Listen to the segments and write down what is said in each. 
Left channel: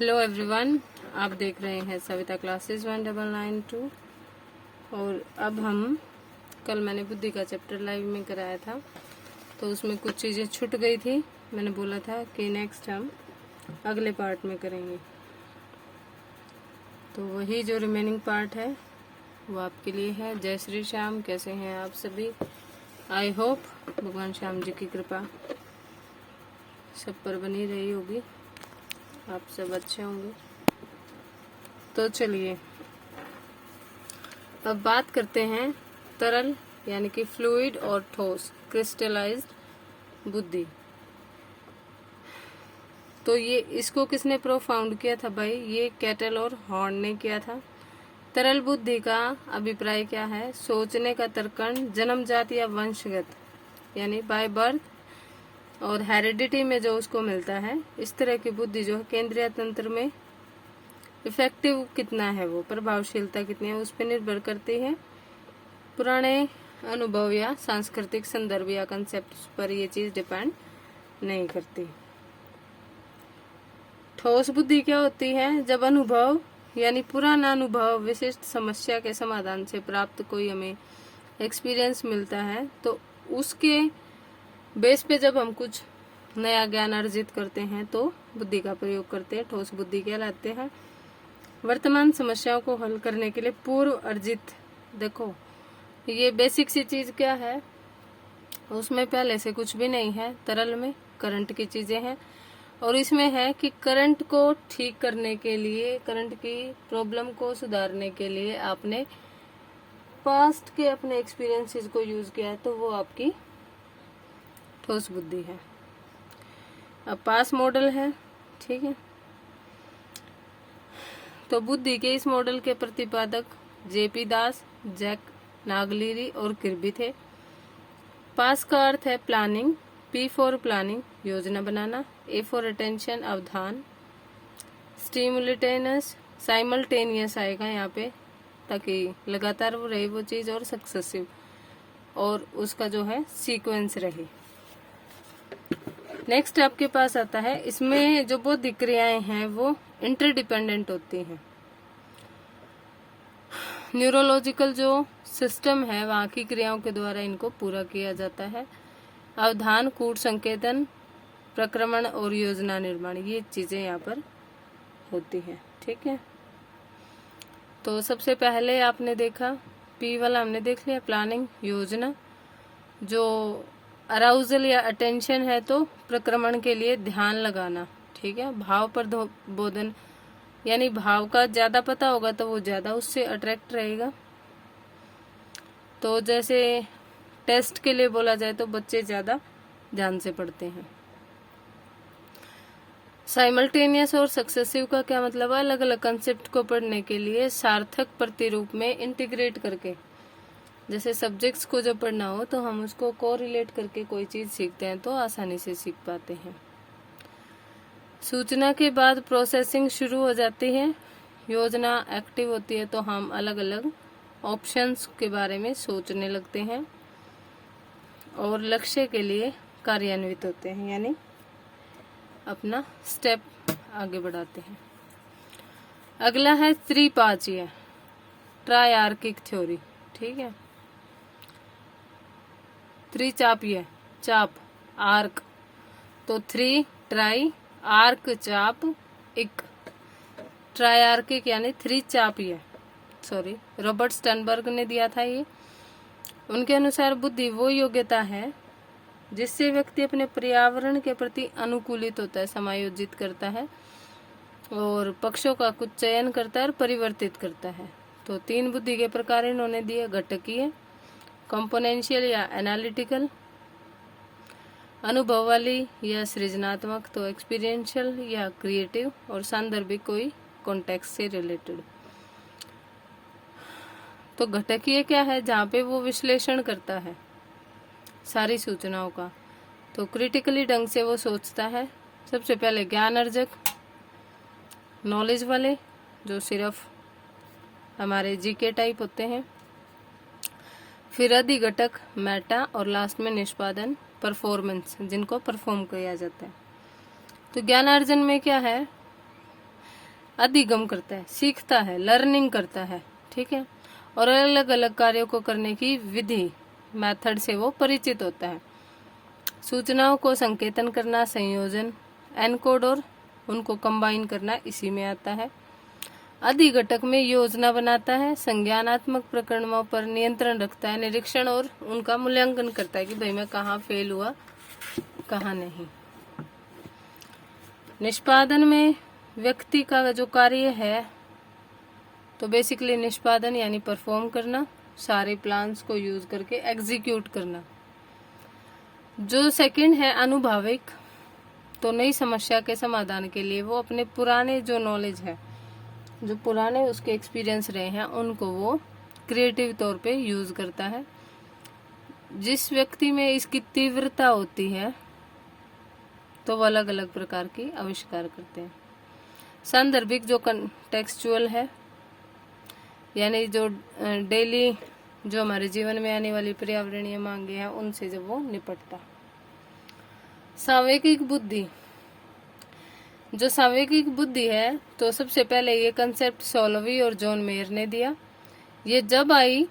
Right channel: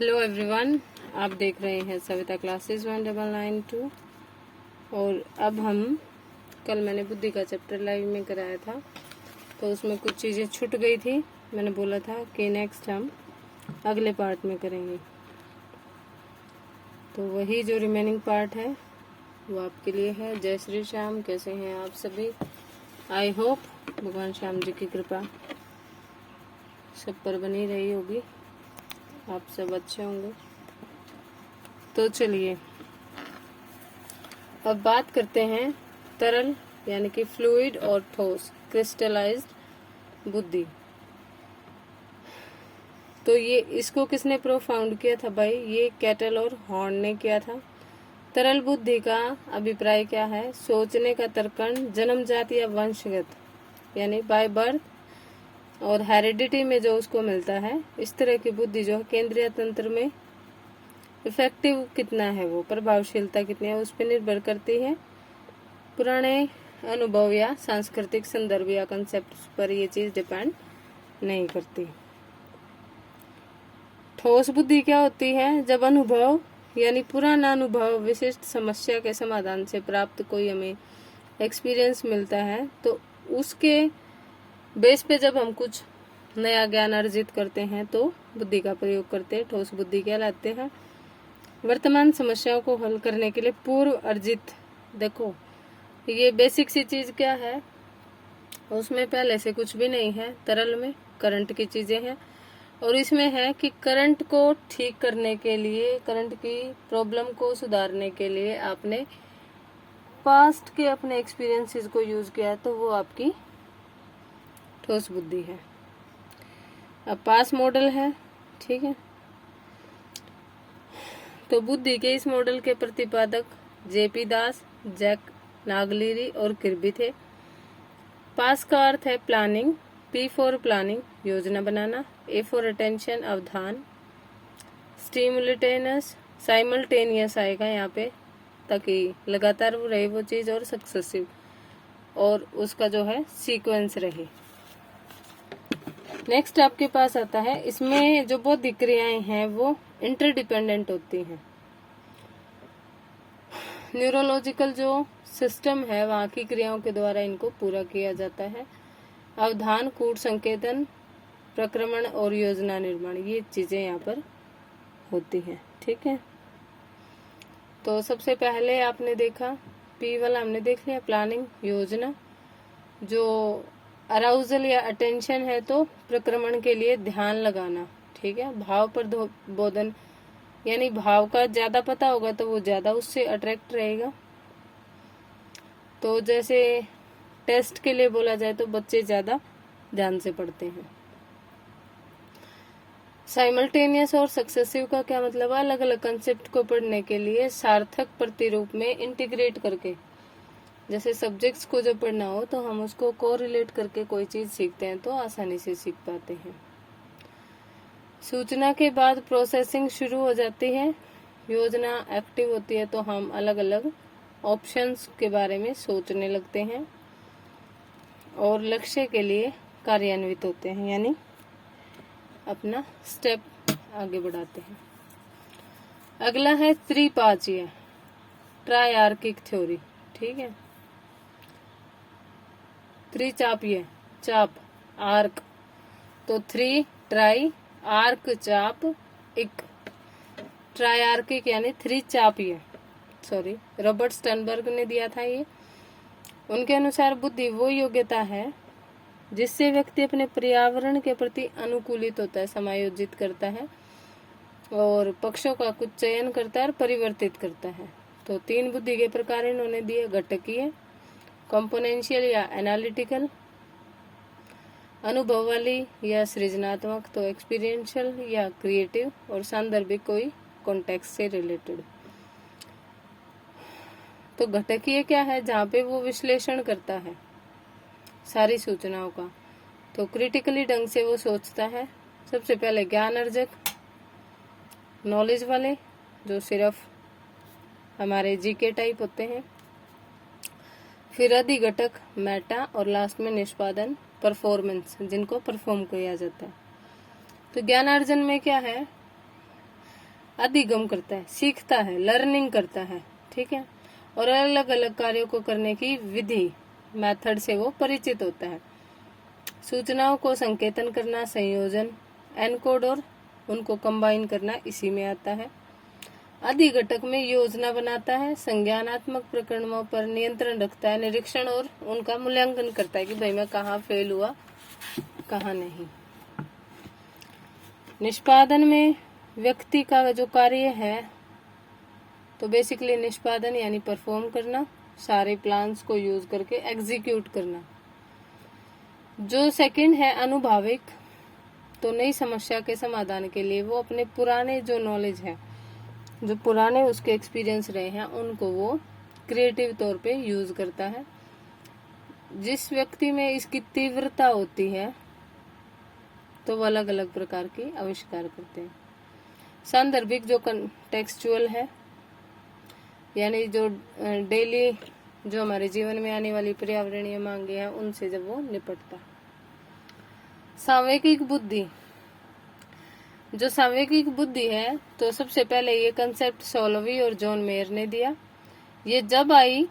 Hello everyone, आप देख रहे हैं सविता क्लासेस 1992। और अब हम कल मैंने बुद्धि का चैप्टर लाइव में कराया था, तो उसमें कुछ चीज़ें छूट गई थी। मैंने बोला था कि नेक्स्ट हम अगले पार्ट में करेंगे, तो वही जो रिमेनिंग पार्ट है वो आपके लिए है। जय श्री श्याम, कैसे हैं आप सभी? आई होप भगवान श्याम जी की कृपा सब पर बनी रही होगी, आप सब अच्छे होंगे। तो चलिए अब बात करते हैं तरल यानी कि फ्लूइड और ठोस क्रिस्टलाइज्ड बुद्धि। तो ये इसको किसने प्रोफाउंड किया था भाई? ये कैटल और हॉर्न ने किया था। तरल बुद्धि का अभिप्राय क्या है? सोचने का तर्कण जन्मजात या वंशगत यानी बाय बर्थ और हेरिडिटी में जो उसको मिलता है, इस तरह की बुद्धि जो है केंद्रीय तंत्र में इफेक्टिव कितना है, वो प्रभावशीलता कितनी है, उस पर निर्भर करती है। पुराने अनुभव या सांस्कृतिक संदर्भ या कंसेप्ट पर ये चीज डिपेंड नहीं करती। ठोस बुद्धि क्या होती है? जब अनुभव यानी पुराना अनुभव विशिष्ट समस्या के समाधान से प्राप्त कोई हमें एक्सपीरियंस मिलता है, तो उसके बेस पे जब हम कुछ नया ज्ञान अर्जित करते हैं तो बुद्धि का प्रयोग करते हैं, ठोस बुद्धि कहलाते हैं। वर्तमान समस्याओं को हल करने के लिए पूर्व अर्जित, देखो ये बेसिक सी चीज क्या है, उसमें पहले से कुछ भी नहीं है। तरल में करंट की चीजें हैं, और इसमें है कि करंट को ठीक करने के लिए, करंट की प्रॉब्लम को सुधारने के लिए आपने पास्ट के अपने एक्सपीरियंसेस को यूज किया है, तो वो आपकी ठोस बुद्धि है। अब पास मॉडल है, ठीक है। तो बुद्धि के इस मॉडल के प्रतिपादक जेपी दास, जैक नागलिरी और किर्बी थे। पास का अर्थ है प्लानिंग, पी फॉर प्लानिंग योजना बनाना, A for attention Avdhan, स्टिमुलेटेनस simultaneous आएगा यहाँ पे ताकि लगातार वो रहे वो चीज, और सक्सेसिव और उसका जो है सीक्वेंस रहे। नेक्स्ट आपके पास आता है, इसमें जो बौद्धिक क्रियाएं हैं वो इंटरडिपेंडेंट होती हैं। न्यूरोलॉजिकल जो सिस्टम है वहाँ की क्रियाओं के द्वारा इनको पूरा किया जाता है। अवधान, कूट संकेतन, प्रक्रमण और योजना निर्माण, ये चीजें यहाँ पर होती हैं, ठीक है। तो सबसे पहले आपने देखा पी वाला हमने देख लिया, प्लानिंग योजना। जो अराउजल या अटेंशन है तो प्रक्रमण के लिए ध्यान लगाना, ठीक है। भाव पर बोधन यानी भाव का ज्यादा पता होगा तो वो ज्यादा उससे अट्रैक्ट रहेगा। तो जैसे टेस्ट के लिए बोला जाए तो बच्चे ज्यादा ध्यान से पढ़ते हैं। साइमल्टेनियस और सक्सेसिव का क्या मतलब है? अलग अलग कंसेप्ट को पढ़ने के लिए सार्थक प्रतिरूप में इंटीग्रेट करके, जैसे सब्जेक्ट्स को जब पढ़ना हो तो हम उसको कोरिलेट करके कोई चीज सीखते हैं तो आसानी से सीख पाते हैं। सूचना के बाद प्रोसेसिंग शुरू हो जाती है, योजना एक्टिव होती है तो हम अलग अलग ऑप्शंस के बारे में सोचने लगते हैं और लक्ष्य के लिए कार्यान्वित होते हैं, यानी अपना स्टेप आगे बढ़ाते हैं। अगला है त्रिपाचीय ट्रायआर्किक थ्योरी, ठीक है। त्रिचापीय चाप आर्क, तो थ्री ट्राई आर्क चाप इक, ट्रायआर्किक यानी थ्री चापीय, सॉरी रॉबर्ट स्टनबर्ग ने दिया था ये। उनके अनुसार बुद्धि वो योग्यता है जिससे व्यक्ति अपने पर्यावरण के प्रति अनुकूलित होता है, समायोजित करता है और पक्षों का कुछ चयन करता है और परिवर्तित करता है। तो तीन बुद्धि के प्रकार इन्होंने दिए, घटकीय, कंपोनेंशियल या एनालिटिकल, अनुभव वाली या सृजनात्मक, तो एक्सपीरियंशियल या क्रिएटिव, और सांदर्भिक कोई कॉन्टेक्स्ट से रिलेटेड। तो घटकीय क्या है? जहाँ पे वो विश्लेषण करता है सारी सूचनाओं का, तो क्रिटिकली ढंग से वो सोचता है। सबसे पहले ज्ञान अर्जक, नॉलेज वाले जो सिर्फ हमारे जीके टाइप होते हैं, फिर अधिघटक मेटा, और लास्ट में निष्पादन परफॉर्मेंस, जिनको परफॉर्म किया जाता है। तो ज्ञान अर्जन में क्या है? अधिगम करता है, सीखता है, लर्निंग करता है, ठीक है। और अलग अलग कार्यों को करने की विधि, मेथड से वो परिचित होता है। सूचनाओं को संकेतन करना, संयोजन, एनकोड और उनको कंबाइन करना इसी में आता है। अधिघटक में योजना बनाता है, संज्ञानात्मक प्रकरणों पर नियंत्रण रखता है, निरीक्षण और उनका मूल्यांकन करता है कि भाई मैं कहाँ फेल हुआ, कहाँ नहीं। निष्पादन में व्यक्ति का जो कार्य है तो बेसिकली निष्पादन यानी परफॉर्म करना, सारे प्लान्स को यूज करके एग्जीक्यूट करना। जो सेकंड है अनुभाविक, तो नई समस्या के समाधान के लिए वो अपने पुराने जो नॉलेज है, जो पुराने उसके एक्सपीरियंस रहे हैं, उनको वो क्रिएटिव तौर पे यूज करता है। जिस व्यक्ति में इसकी तीव्रता होती है तो वो अलग अलग प्रकार की आविष्कार करते हैं। सांदर्भिक जो कंटेक्सचुअल है, यानी जो डेली जो हमारे जीवन में आने वाली पर्यावरणीय मांगे हैं उनसे जब वो निपटता। सांवेगिक बुद्धि, जो सांवेगिक बुद्धि है तो सबसे पहले ये कंसेप्ट सोलोवी और जॉन मेयर ने दिया। ये जब आई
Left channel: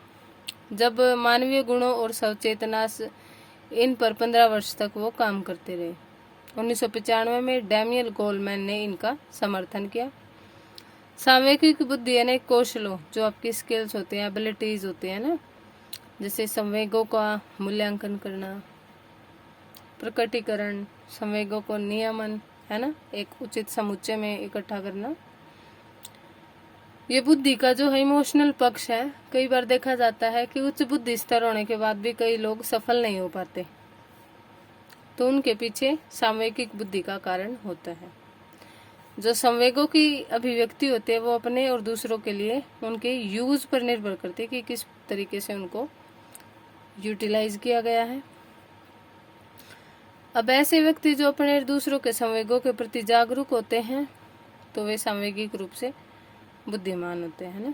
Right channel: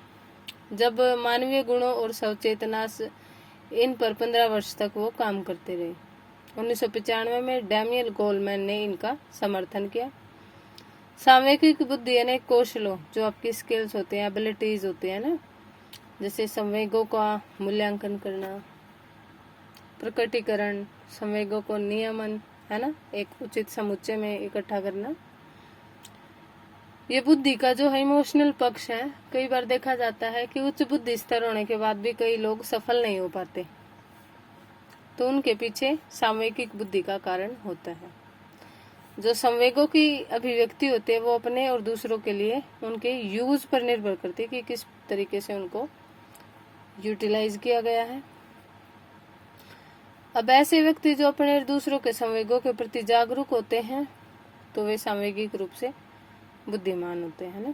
जब मानवीय गुणों और सचेतना इन पर 15 वर्ष तक वो काम करते रहे। 1995 में डैनियल गोलमैन ने इनका समर्थन किया। सांवेगिक बुद्धि यानी कौशलों, जो आपकी स्किल्स होते हैं, एबिलिटीज होते हैं ना, जैसे संवेगों का मूल्यांकन करना, प्रकटीकरण, संवेगों को नियमन, है ना, एक उचित समुच्चय में इकट्ठा करना। ये बुद्धि का जो है इमोशनल पक्ष है। कई बार देखा जाता है कि उच्च बुद्धि स्तर होने के बाद भी कई लोग सफल नहीं हो पाते, तो उनके पीछे सांवेगिक बुद्धि का कारण होता है। जो संवेगों की अभिव्यक्ति होती है वो अपने और दूसरों के लिए उनके यूज पर निर्भर करती है कि किस तरीके से उनको यूटिलाइज किया गया है। अब ऐसे व्यक्ति जो अपने और दूसरों के संवेगों के प्रति जागरूक होते हैं तो वे सांवेगिक रूप से बुद्धिमान होते हैं ना।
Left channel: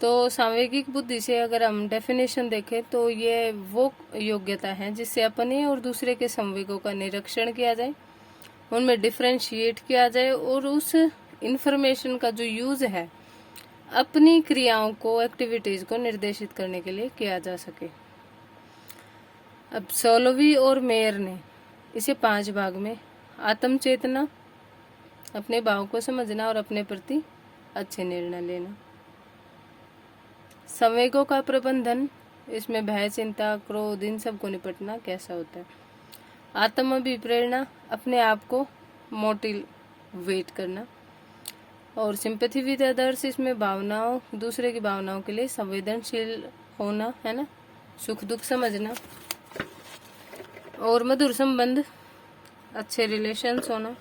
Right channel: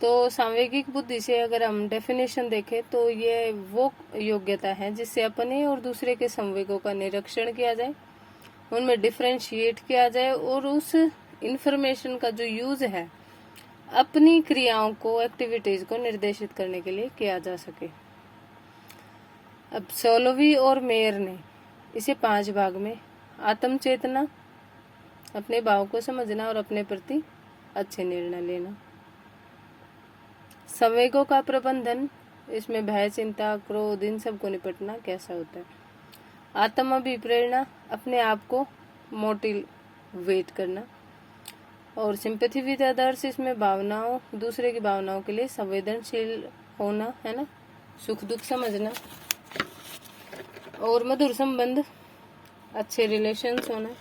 तो सांवेगिक बुद्धि से अगर हम डेफिनेशन देखें तो ये वो योग्यता है जिससे अपने और दूसरे के संवेगों का निरीक्षण किया जाए, उनमें डिफरेंशिएट किया जाए और उस इंफॉर्मेशन का जो यूज है अपनी क्रियाओं को, एक्टिविटीज को निर्देशित करने के लिए किया जा सके। अब सोलोवी और मेयर ने इसे 5 भाग में, आत्म चेतना, अपने भाव को समझना और अपने प्रति अच्छे निर्णय लेना, संवेगों का प्रबंधन, इसमें भय, चिंता, क्रोध, इन सबको निपटना कैसा होता है, आत्म अभिप्रेरणा, अपने आप को मोटिवेट करना, और सिंपैथी विद अदर्स, इसमें भावनाओं, दूसरे की भावनाओं के लिए संवेदनशील होना, है ना, सुख दुख समझना, और मधुर संबंध, अच्छे रिलेशंस होना,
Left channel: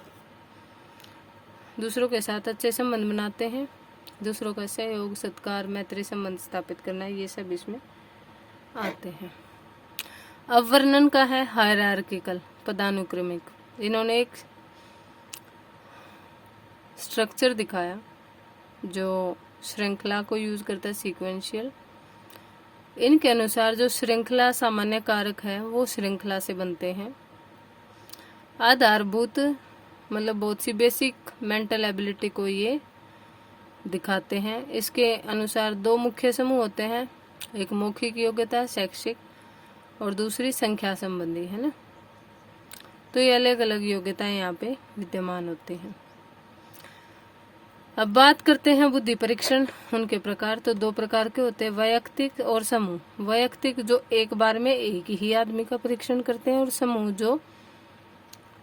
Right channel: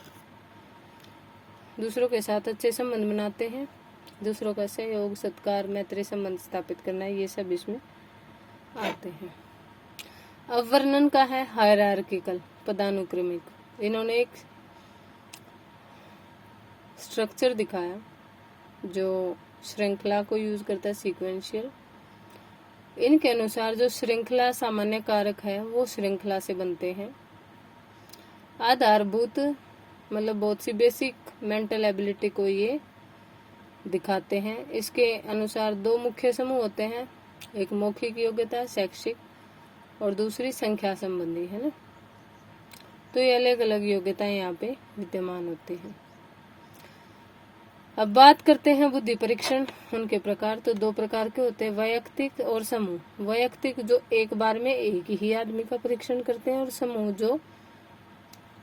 दूसरों के साथ अच्छे संबंध बनाते हैं, दूसरों का सहयोग, सत्कार, मैत्री संबंध स्थापित करना, ये सब इसमें आते हैं। अब वर्णन का है हायरार्किकल, पदानुक्रमिक। इन्होंने एक स्ट्रक्चर दिखाया जो श्रृंखला को यूज करता है, सीक्वेंशियल। इनके अनुसार जो श्रृंखला सामान्य कारक है वो श्रृंखला से बनते हैं। आधारभूत मतलब बहुत सी बेसिक मेंटल एबिलिटी को ये दिखाते हैं। इसके अनुसार 2 मुख्य समूह होते हैं, एक मौखिक योग्यता, शैक्षिक, और दूसरी संख्या संबंधी, है ना। तो ये अलग अलग योग्यताएं यहाँ पे विद्यमान होती हैं। अब बात करते हैं बुद्धि परीक्षण, उनके प्रकार। तो 2 प्रकार के होते हैं, वैयक्तिक और समूह। वैयक्तिक जो एक बार में एक ही आदमी का परीक्षण करते हैं, और समूह जो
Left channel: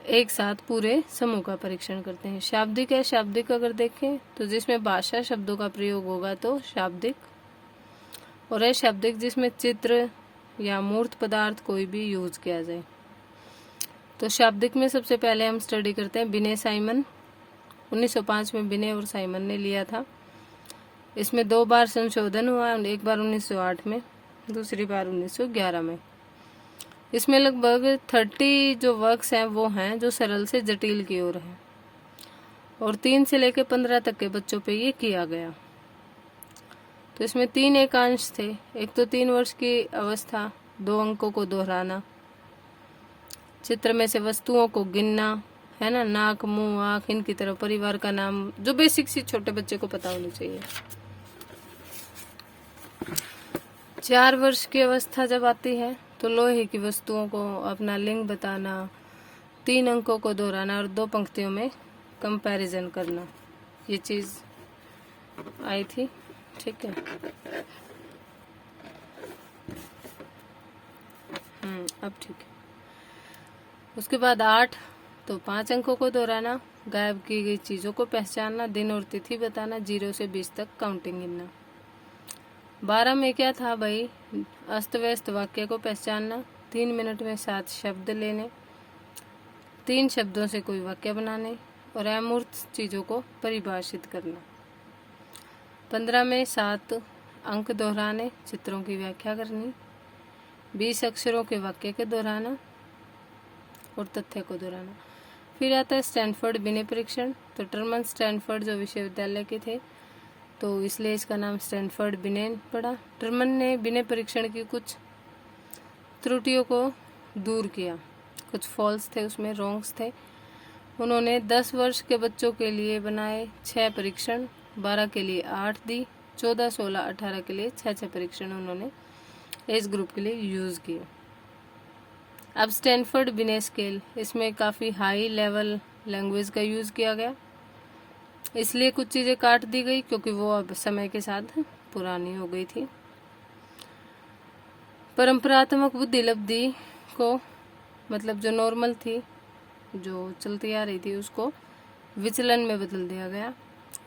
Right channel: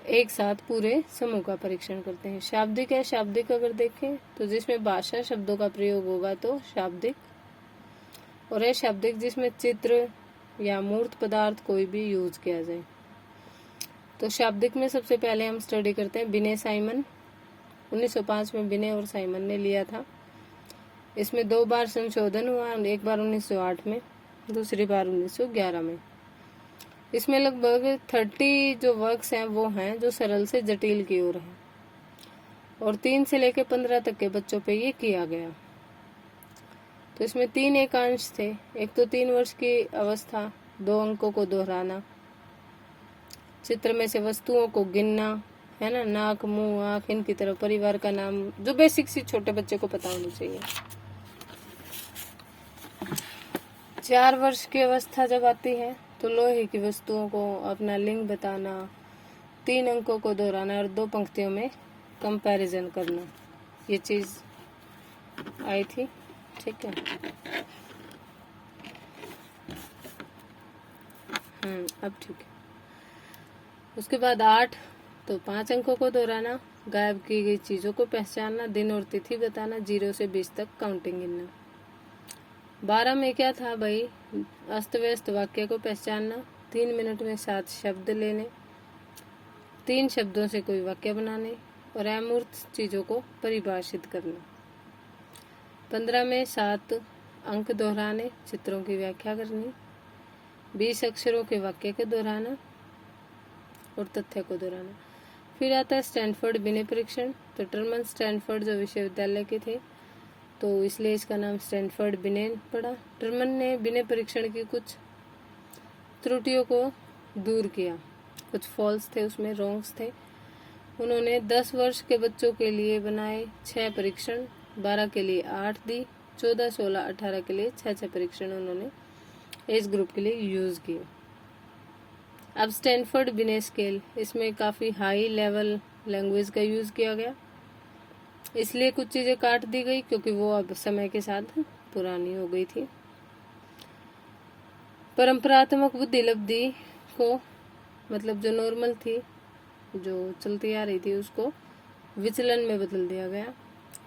एक साथ पूरे समूह का परीक्षण करते हैं। शाब्दिक है, शाब्दिक अगर देखें तो जिसमें भाषा शब्दों का प्रयोग होगा तो शाब्दिक, और है शाब्दिक जिसमें चित्र या मूर्त पदार्थ कोई भी यूज किया जाए। तो शाब्दिक में सबसे पहले हम स्टडी करते हैं बिने साइमन। 1905 में बिने और साइमन ने लिया था। इसमें 2 बार संशोधन हुआ, एक बार 1908 में, दूसरी बार 1911 में। इसमें लगभग 30 जो वर्क्स हैं वो हैं जो सरल से जटिल की ओर हैं, और 3 से लेकर 15 तक के बच्चों पे ये किया गया। तो इसमें 3 एकांश थे। एक तो 3 वर्ष की अवस्था, 2 अंकों को दोहराना, चित्र में से वस्तुओं को गिनना, है ना, नाक, मुंह, आँख, इनकी तरह परिवार का नाम, जो बेसिक सी छोटे बच्चे को पता होनी चाहिए। 4 वर्ष की अवस्था जब आती है तो लोहे की वस्तुओं को अपना लिंग बताना, 3 अंकों को दोहराना और 2 पंक्तियों में कंपैरिजन करना, ये चीज आई थी। ठीक है, अब ठीक है। उसके बाद 8 तो 5 अंकों को दोहराना, गायब की गई चीजों को पहचानना, दिन और तिथि बताना, 0 से 20 तक काउंटिंग गिनना। 12 में क्या था भाई, अस्त व्यस्त वाक्य को पहचानना, 3 मिनट में 7 शब्द लेने, 3 शब्दों से कोई वाक्य बनाने और अमूर्त चीजों को परिभाषित करना। 15 में 7 अंक दोहराने, चित्रों की व्याख्या करनी, 20 अक्षरों के वाक्य के दोहराना और तथ्य को दोहराना। फिर आता है स्टैनफोर्ड बिने परीक्षण। तो टर्मन स्टैनफोर्ड जो विश्वविद्यालय के थे, तो इसलिए इसका नाम स्टैनफोर्ड बिने पड़ा। टर्मन ने बिने परीक्षण की कुछ त्रुटियों को दूर किया, कुछ फॉल्स थे उसमें, रॉन्ग्स थे। उन्होंने 10 वर्ष के बच्चों के लिए बनाए 6 परीक्षण, 12 के लिए 8 दी, 14, 16, 18 के लिए 6 परीक्षण उन्होंने एज ग्रुप के लिए यूज किए। अब स्टैनफोर्ड बिने स्केल, इसमें काफी हाई लेवल लैंग्वेज का यूज किया गया, इसलिए कुछ चीजें काट दी गई क्योंकि वो अब समय के साथ पुरानी हो गई थी। परंपरात्मक बुद्धि लब्धि को, मतलब जो नॉर्मल थी, जो चलती आ रही थी, उसको विचलन में बदल दिया गया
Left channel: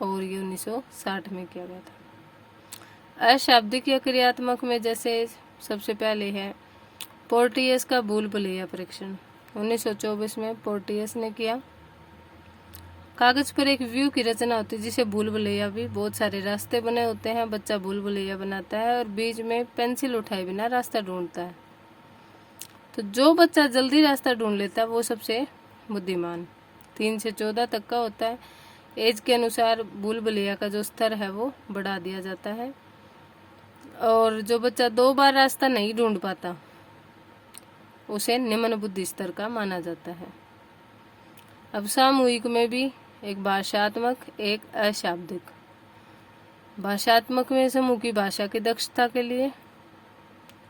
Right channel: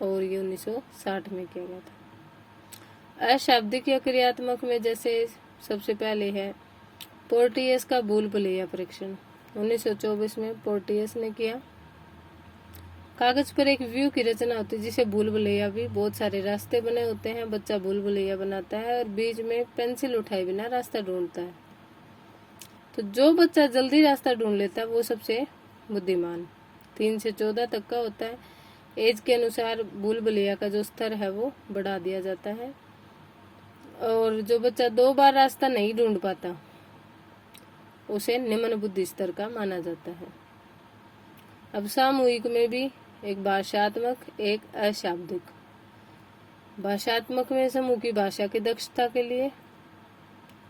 और ये 1960 में किया गया था। अशाब्दिक या क्रियात्मक में जैसे सबसे पहले है पोर्टियस का भूल भुलैया परीक्षण, 1924 में पोर्टियस ने किया। कागज पर एक व्यू की रचना होती है जिसे भूल भुलैया भी, बहुत सारे रास्ते बने होते हैं, बच्चा भूल भुलैया बनाता है और बीच में पेंसिल उठाए बिना रास्ता ढूंढता है। तो जो बच्चा जल्दी रास्ता ढूंढ लेता है वो सबसे बुद्धिमान। 3 से 14 तक का होता है। एज के अनुसार भूल भुलैया का जो स्तर है वो बढ़ा दिया जाता है। और जो बच्चा 2 बार रास्ता नहीं ढूंढ पाता उसे निम्न बुद्धि स्तर का माना जाता है। अब सामूहिक में भी एक भाषात्मक, एक अशाब्दिक। भाषात्मक में समूह की भाषा की दक्षता के लिए,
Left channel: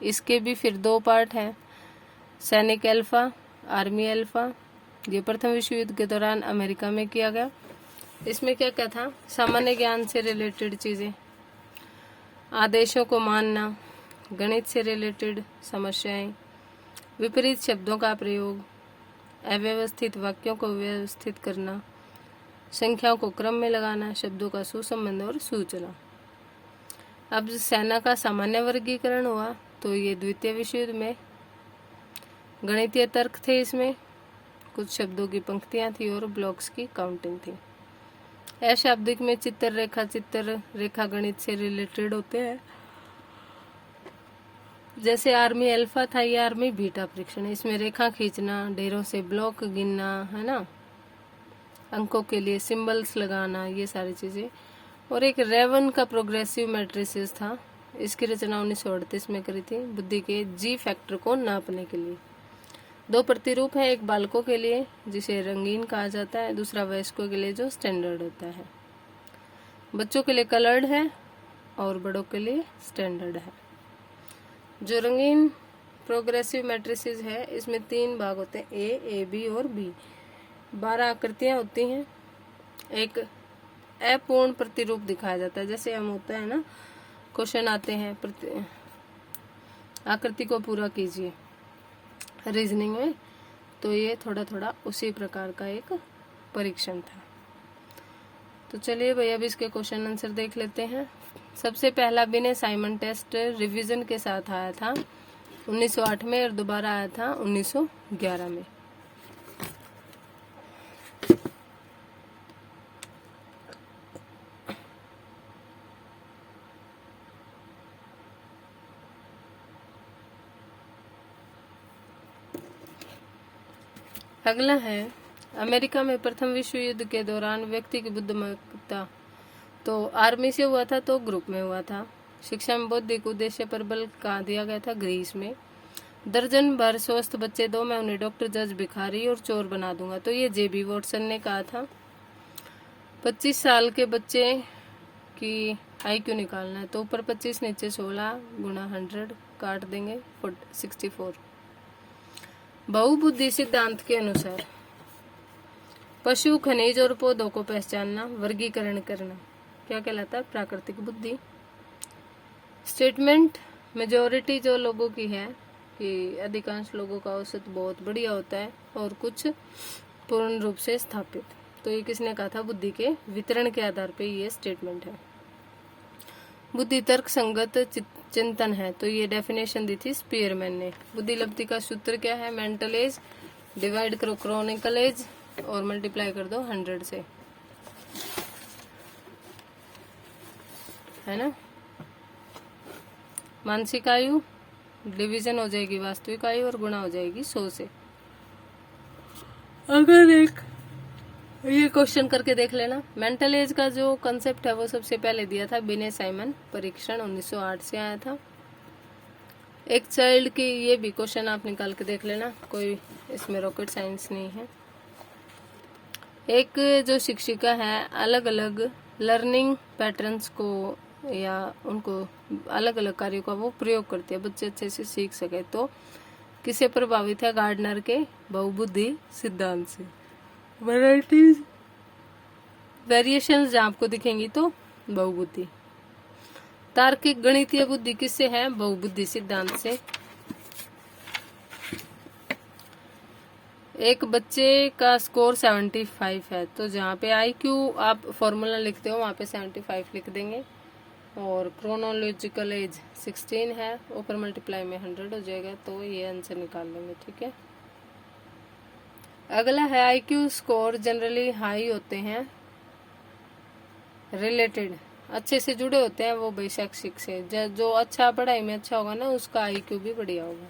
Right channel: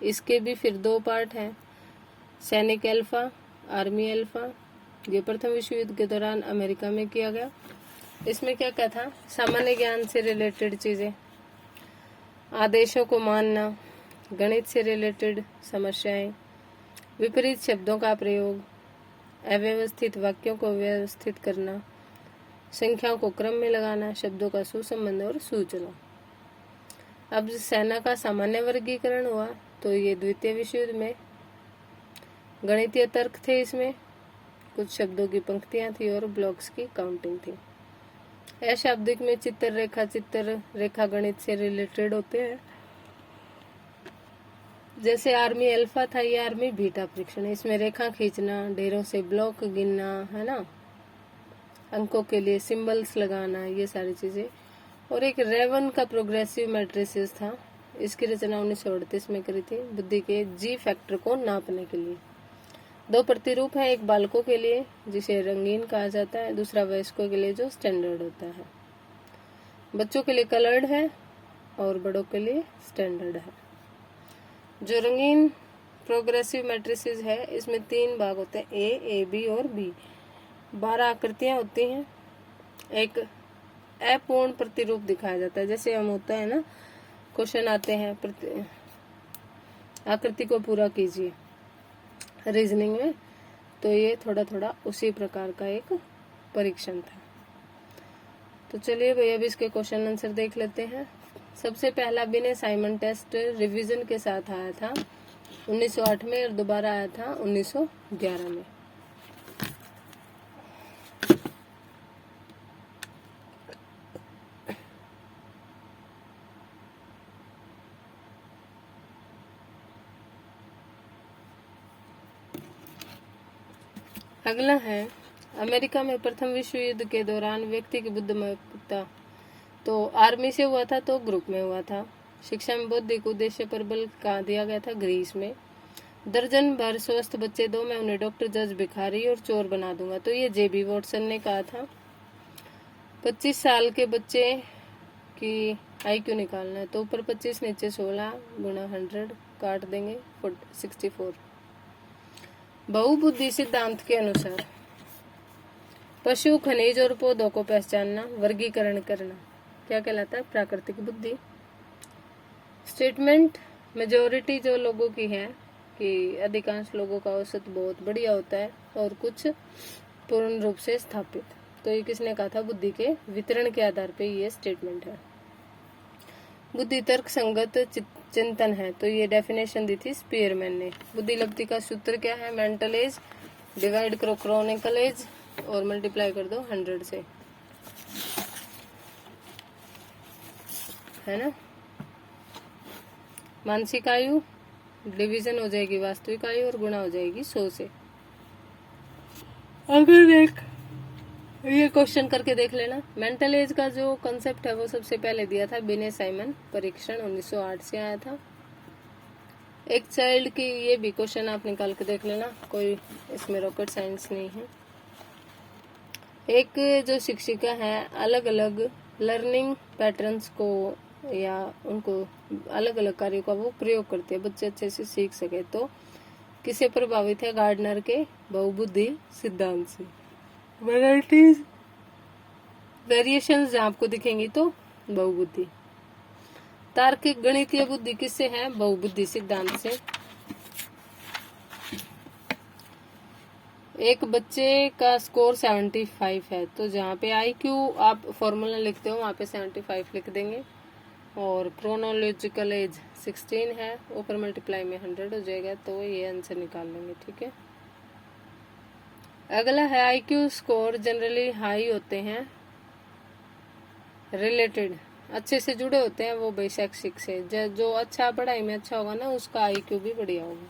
इसके भी फिर 2 पार्ट हैं, सैनिक अल्फा, आर्मी अल्फा। ये प्रथम विश्व युद्ध के दौरान अमेरिका में किया गया। इसमें क्या क्या था, सामान्य ज्ञान से रिलेटेड चीजें, आदेशों को मानना, गणित से रिलेटेड समस्याएं, विपरीत शब्दों का प्रयोग, अव्यवस्थित वाक्यों को व्यवस्थित करना, संख्याओं को क्रम में लगाना, शब्दों का सुसंबंध और सूचना। अब सेना का सामान्य वर्गीकरण हुआ तो ये द्वितीय विश्व युद्ध में गणितीय तर्क थे, इसमें कुछ शब्दों की पंक्तियां थी और ब्लॉक्स की काउंटिंग थी। अशाब्दिक में चित्र रेखा गणित से रिलेटेड होते हैं, जैसे आर्मी अल्फा था, ये आर्मी बीटा परीक्षण, इसमें रेखा खींचना, ढेरों से ब्लॉक गिनना, है ना, अंकों के लिए सिंबल्स लगाना, ये सारी चीजें। और एक रेवन का प्रोग्रेसिव मैट्रिसेस था, इसकी रचना 1938 में करी थी, बुद्धि के जी फैक्टर को नापने के लिए। 2 प्रतिरूप है, एक बालकों के लिए जिसे रंगीन कहा जाता है, दूसरा वयस्कों के लिए जो स्टैंडर्ड होता है। बच्चों के लिए कलर्ड है और बड़ों के लिए स्टैंडर्ड है। जो रंगीन प्रोग्रेसिव मैट्रिसेस है, इसमें 3 भाग होते हैं, ए, बी और बी। 12 आकृतियां होती हैं। एक अपूर्ण प्रतिरूप दिखाया जाता है, जैसे हम होता है ना, क्वेश्चन आते हैं, आकृति को पूरा कीजिए रीजनिंग में, तो ये थोड़ा थोड़ा उसी प्रकार का एक परीक्षण था। तो चलिए भाई अब इसके क्वेश्चन आंसर देख लेते हैं। सबसे पहला बिने साइमन टेस्ट रिवीजन के साथ आया था 1908 में और दोबारा आया था 1911 में। अगला है, अमेरिका में प्रथम विश्व युद्ध के दौरान व्यक्ति की बुद्धिमत्ता तो आर्मी से हुआ था तो ग्रुप में हुआ था। शिक्षा में बौद्धिक उद्देश्य पर बल कहाँ दिया गया था, ग्रीस में। दर्जन भर स्वस्थ बच्चे दो, मैं उन्हें डॉक्टर, जज, भिखारी और चोर बना दूंगा। तो ये जेबी वॉटसन ने कहा था। 25 साल के बच्चे की IQ निकालना है, तो ऊपर 25 नीचे 16 गुणा 100 काट देंगे 64। बहुबुद्धि सिद्धांत के अनुसार पशु, खनिज और पौधों को पहचानना, वर्गीकरण करना क्या कहलाता है? प्राकृतिक बुद्धि। स्टेटमेंट मेजॉरिटी जो लोगों की है कि अधिकांश लोगों का औसत बहुत बढ़िया होता है और कुछ पूर्ण रूप से स्थापित। तो ये किसने कहा था? बुद्धि के वितरण के आधार पे ये स्टेटमेंट है। बुद्धि तर्क संगत चिंतन है, तो ये डेफिनेशन दी थी स्पीयरमैन ने। बुद्धि लब्धि का सूत्र क्या है? मेंटल एज डिवाइड करो क्रोनिकल एज और मल्टीप्लाई कर दो 100 से, है ना। मानसिक आयु डिवीजन हो जाएगी वास्तविक आयु और गुणा हो जाएगी 100 से। अगर एक ये क्वेश्चन करके देख लेना। मेंटल एज का जो कंसेप्ट है वो सबसे पहले दिया था बिने साइमन, परीक्षण 1908 से आया था। एक चाइल्ड की ये भी क्वेश्चन आप निकाल के देख लेना, कोई इसमें रॉकेट साइंस नहीं है। एक जो शिक्षिका है अलग अलग लर्निंग पैटर्न्स को या उनको अलग अलग कार्यों का वो प्रयोग करते हैं, बच्चे अच्छे से सीख सके। तो किससे प्रभावित है? गार्डनर के बहुबुद्धि सिद्धांत से। वैरायटीज वेरिएशंस जहाँ आपको दिखेंगी तो बहुबुद्धि। तार्किक गणितीय बुद्धि किससे है? बहुबुद्धि सिद्धांत से। एक बच्चे का स्कोर 75 है, तो जहाँ पे IQ आप फॉर्मूला लिखते हो वहाँ पे 75 लिख देंगे। और क्रोनोलॉजिकल एज 16 है, ऊपर मल्टीप्लाई में 100 हो जाएगा, तो ये आंसर निकाल लेंगे। ठीक है। अगला है IQ स्कोर जनरली हाई होते हैं, रिलेटेड अच्छे से जुड़े होते हैं वो भाई शैक्षिक से। जो अच्छा पढ़ाई में अच्छा होगा ना उसका IQ भी बढ़िया होगा।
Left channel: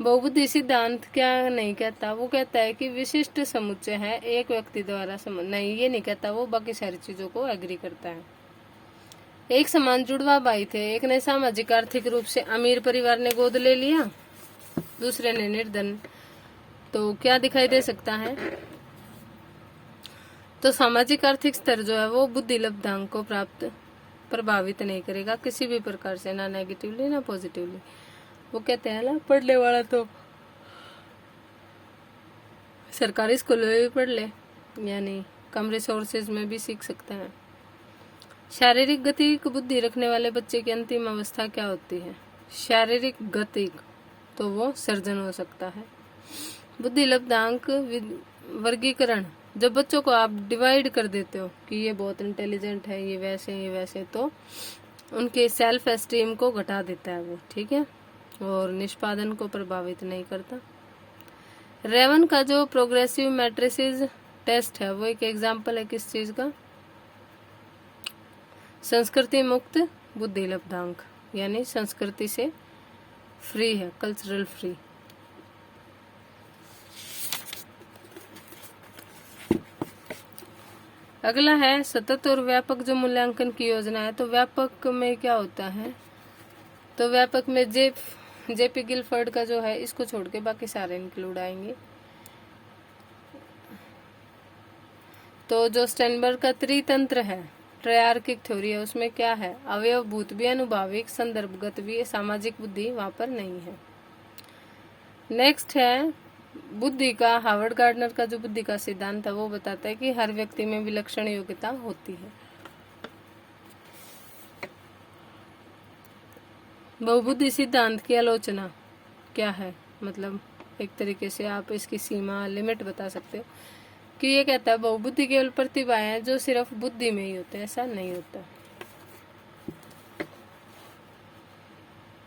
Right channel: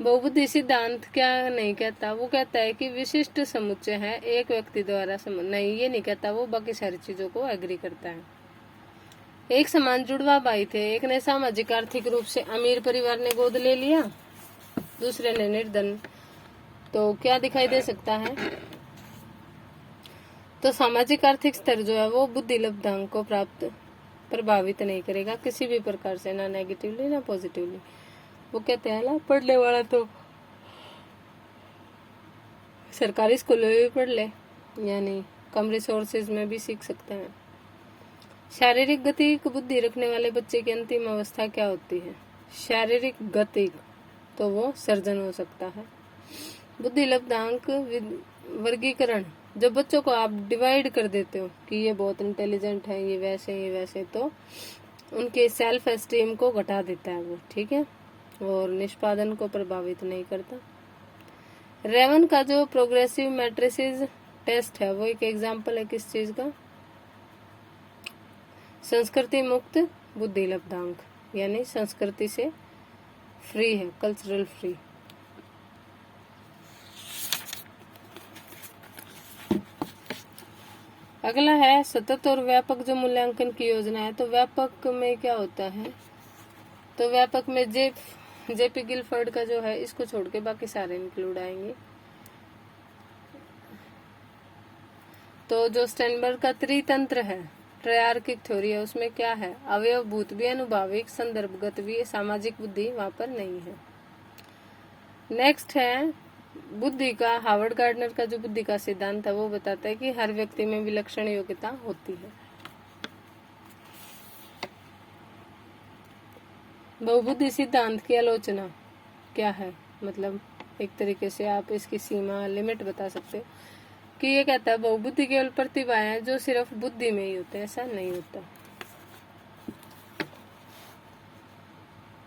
बहुबुद्धि सिद्धांत क्या नहीं कहता? वो कहता है कि विशिष्ट समुच्चय है, एक व्यक्ति द्वारा नहीं, ये नहीं कहता। वो बाकी सारी चीजों को एग्री करता है। एक समान जुड़वा भाई थे, एक ने सामाजिक आर्थिक रूप से अमीर परिवार ने गोद ले लिया, दूसरे ने निर्धन। तो क्या दिखाई दे सकता है? तो सामाजिक आर्थिक स्तर जो है वो बुद्धि लब्धांक को प्राप्त प्रभावित नहीं करेगा किसी भी प्रकार से, ना नेगेटिवली ना पॉजिटिवली। वो कहते हैं ना पढ़ने वाला तो सरकारी स्कूलों में भी पढ़ ले, यानी कम रिसोर्सेज में भी सीख सकते हैं। शारीरिक गतिक बुद्धि रखने वाले बच्चे की अंतिम अवस्था क्या होती है? शारीरिक गतिक, तो वो सर्जन हो सकता है। बुद्धि लब्धांक वर्गीकरण, जब बच्चों को आप डिवाइड कर देते हो कि ये बहुत इंटेलिजेंट है, ये वैसे, तो उनके सेल्फ एस्टीम को घटा देता है वो। ठीक है। और निष्पादन को प्रभावित नहीं करता। रेवन का जो प्रोग्रेसिव मैट्रिसेस टेस्ट है वो एक एग्जाम्पल है किस चीज का? संस्कृति मुक्त बुद्धि लब्धांक, यानी संस्कृति से फ्री है, कल्चरल फ्री। अगला है सतत और व्यापक जो मूल्यांकन की योजना है। तो व्यापक में क्या होता है? तो व्यापक में जेपी गिलफर्ड का जो है इसको छोड़ के बाकी सारे इंक्लूड आएंगे। तो जो स्टेनबर्ग का त्रितंत्र है, ट्रायर्किक थ्योरी है, उसमें क्या है? अवयवभूत भी, अनुभाविक, संदर्भगत भी, सामाजिक बुद्धि वहां पर नहीं है। नेक्स्ट है बुद्धि का। हार्वर्ड गार्डनर का जो बुद्धि का सिद्धांत है वो बताता है कि हर व्यक्ति में विलक्षण योग्यता होती है। बहुबुद्धि सिद्धांत की आलोचना क्या है? मतलब एक तरीके से आप इसकी सीमा लिमिट बता सकते हो कि ये कहता है बहुबुद्धि केवल प्रतिभाएं हैं जो सिर्फ बुद्धि में ही होते हैं, ऐसा नहीं होता।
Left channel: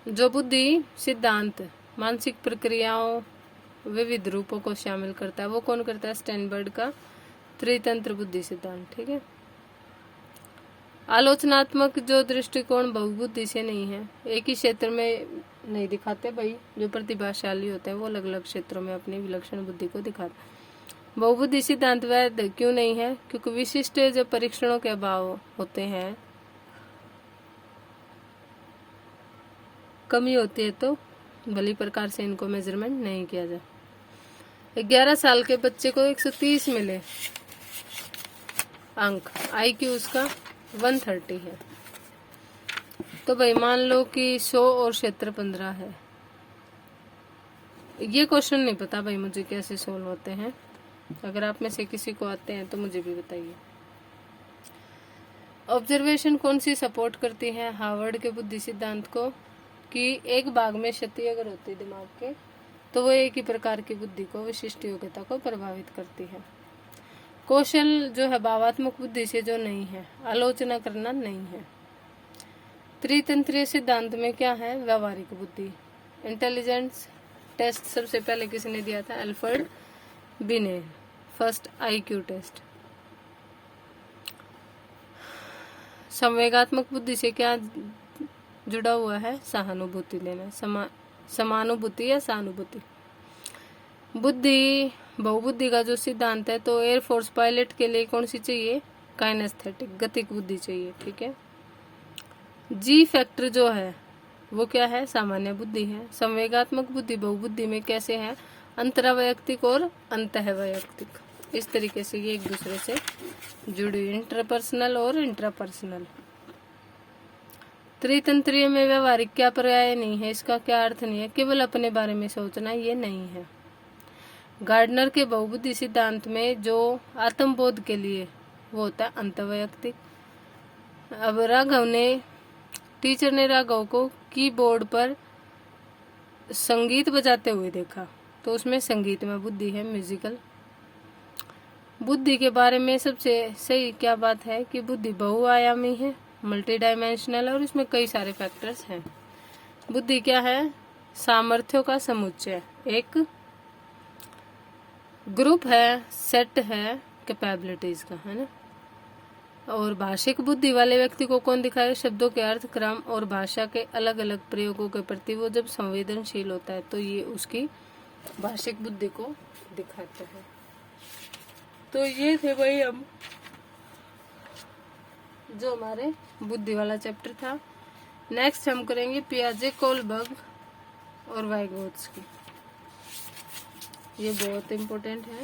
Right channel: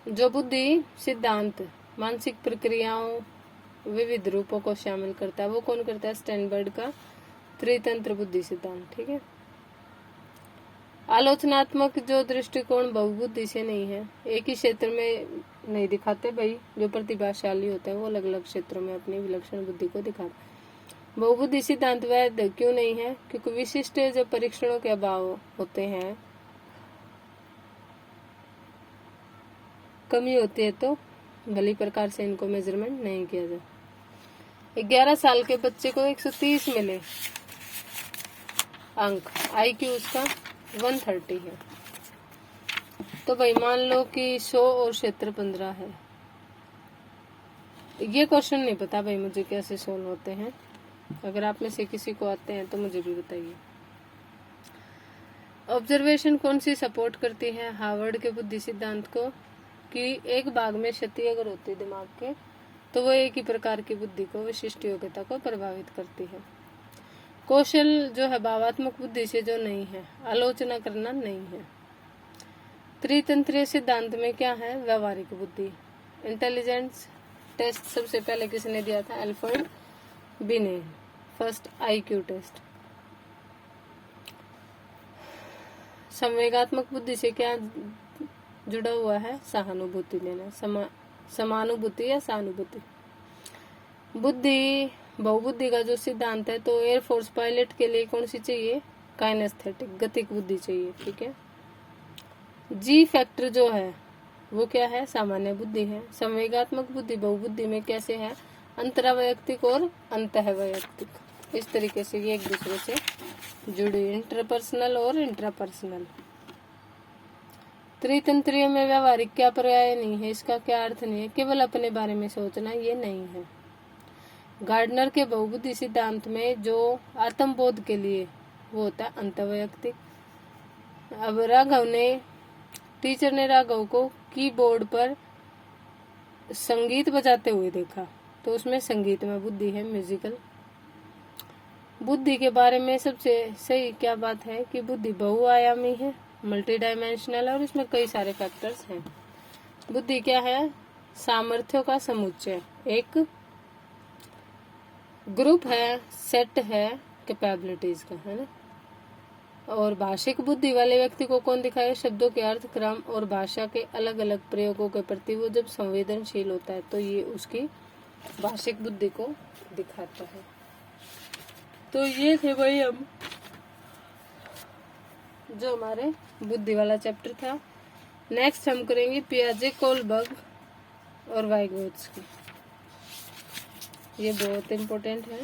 जो बुद्धि सिद्धांत मानसिक प्रक्रियाओं विविध रूपों को शामिल करता है वो कौन करता है? स्टेनबर्ग का त्रितंत्र बुद्धि सिद्धांत। ठीक है। आलोचनात्मक जो दृष्टिकोण बहुबुद्धि से नहीं है, एक ही क्षेत्र में नहीं दिखाते भाई। जो प्रतिभाशाली होते हैं वो अलग अलग क्षेत्रों में अपनी विलक्षण बुद्धि को दिखाते हैं। बहुबुद्धि सिद्धांत वैध क्यों नहीं है? क्योंकि विशिष्ट जो परीक्षणों के अभाव होते हैं, कमी होती है, तो भली प्रकार से इनको मेजरमेंट नहीं किया जाए। 11 साल के बच्चे को 130 मिले अंक, IQ उसका 130 है। तो भाई मान लो कि 100 और क्षेत्र 15 है। ये क्वेश्चन नहीं पता भाई मुझे कैसे सोल्व होते हैं, अगर आप में से किसी को आते हैं तो मुझे भी बताइए। ऑब्जर्वेशन कौन सी सपोर्ट करती है हार्वर्ड के बुद्धि सिद्धांत को, कि एक भाग में क्षति अगर होती है दिमाग के तो वो एक ही प्रकार की बुद्धि को, विशिष्ट योग्यता को प्रभावित करती है। कौशल जो है भावात्मक बुद्धि से जो नहीं है, आलोचना करना नहीं है। त्रितंत्रीय सिद्धांत में क्या है, व्यवहारिक बुद्धि। इंटेलिजेंस टेस्ट सबसे पहले किसने दिया था, अल्फ्रेड बिने, फर्स्ट IQ टेस्ट। संवेगात्मक बुद्धि से क्या जुड़ा हुआ है, सहानुभूति लेना, समानुभूति या सहानुभूति। बुद्धि बहुबुद्धि का जो सिद्धांत है, तो एयरफोर्स पायलट के लिए कौन सी चाहिए, काइनेस्थेटिक, गतिक बुद्धि चाहिए, ठीक है। G फैक्टर जो है वो क्या है, सामान्य बुद्धि है। संवेगात्मक बुद्धि बहुबुद्धि में कैसे है, अंतरावैयक्तिक और अंतःवैयक्तिक, इस तरीके से ये एक दूसरे से जुड़ी, इंटरपर्सनल और इंट्रापर्सनल। त्रितंत्रीय में व्यवहारिक क्या पर्याय नहीं है, इसका क्या अर्थ नहीं है, केवल अपने बारे में सोचना, ये नहीं है। गार्डनर के बहुबुद्धि सिद्धांत में जो आत्मबोध के लिए वो होता है अंतःवैयक्तिक। अब टीचर ने राघव को कीबोर्ड पर संगीत बजाते हुए देखा, तो उसमें संगीत में बुद्धि है, म्यूजिकल। बुद्धि के बारे में सबसे सही क्या बात है कि बुद्धि बहुआयामी है, मल्टी डायमेंशनल, और उसमें कई सारे फैक्टर्स हैं। बुद्धि क्या है, सामर्थ्यों का समुच्चय, एक ग्रुप है, सेट है कैपेबिलिटीज का, है ना। और भाषिक बुद्धि वाले व्यक्ति को कौन दिखाए, शब्दों के अर्थ, क्रम और भाषा के अलग अलग प्रयोगों के प्रति वो जब संवेदनशील होता है, तो ये उसकी भाषिक बुद्धि को दिखाता है। तो ये थे भाई हम जो हमारे बुद्धि वाला चैप्टर था। नेक्स्ट हम करेंगे पियाजे, कोलबर्ग और वाइगोत्स्की, ये बहुत इम्पोर्टेंट है।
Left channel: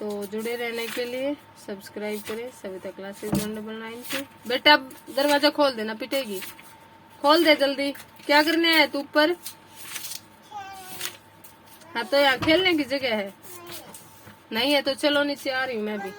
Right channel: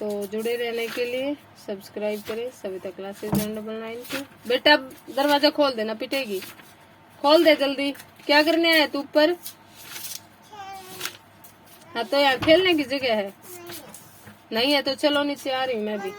तो जुड़े रहने के लिए सब्सक्राइब करें सविता क्लासेस 999 की। बेटा दरवाजा खोल देना, पिटेगी, खोल दे जल्दी। क्या करने आए तू ऊपर? हाँ तो यहाँ खेलने की जगह है, नहीं है तो चलो नीचे आ रही हूँ मैं भी।